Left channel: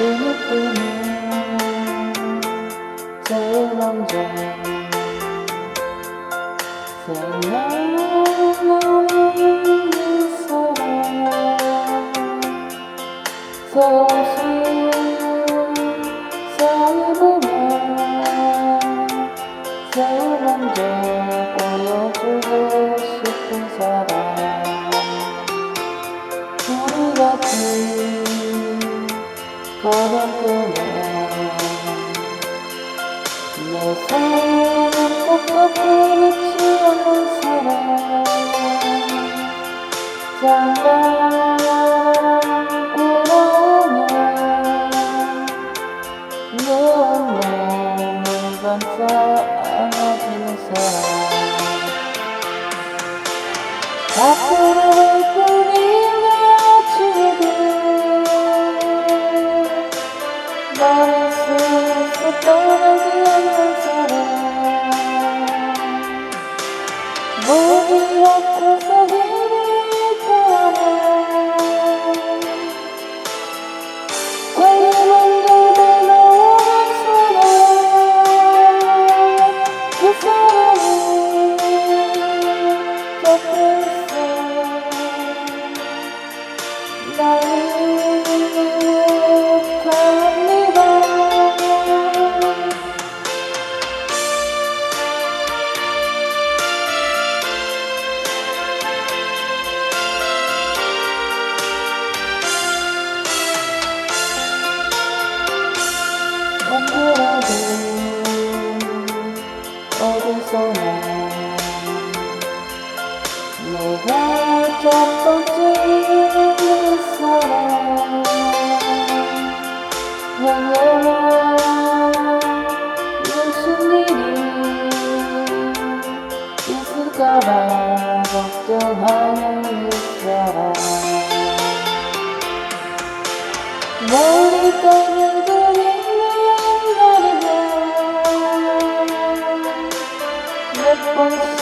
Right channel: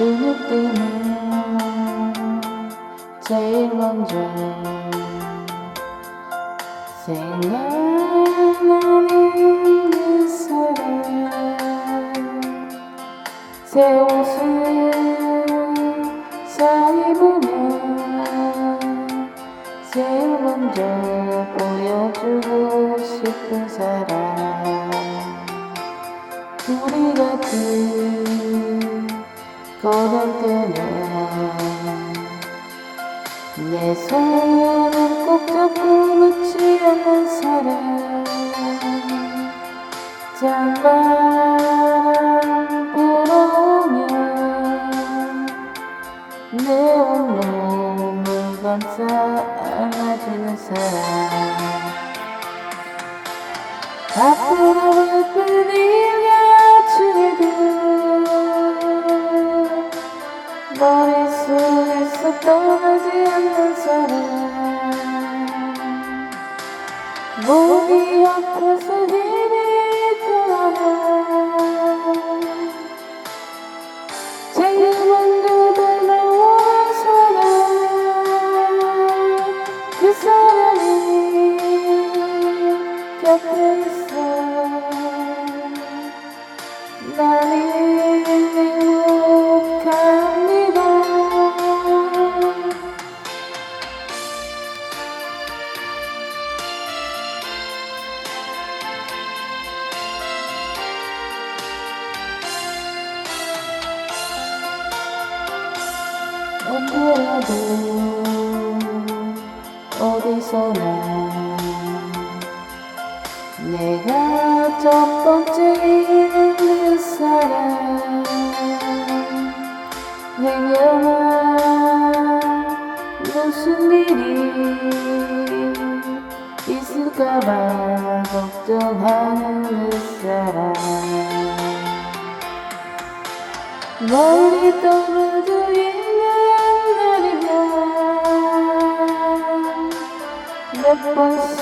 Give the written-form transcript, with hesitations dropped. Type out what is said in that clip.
눈을 뜨면 제일 먼저 생각나는 그 사람, 새 옷을 잘 입으면 제일 먼저 보여주고 싶은 사람, 우리 같이 고개 뜨면 내 손을 꼭 잡고 놓지 않는 사람, 장마랑 불어오면 내 온몸을 감싸 안아주는 사람, 앞으로 흘리는 아침들 너를 슬슬 떠나지 않는 사람, 몸이 아파서 힘이 들어가 제일 먼저 다가오는 사람, 그 사람이 곁에 있어 나를 갑니다. 언제라도 어디서나 내가 첫 번째 내 사랑, 행여나 무슨 일이 있을까봐 걱정하는 내 사랑, 멀리 떠나져 있는 날이면 몇 번씩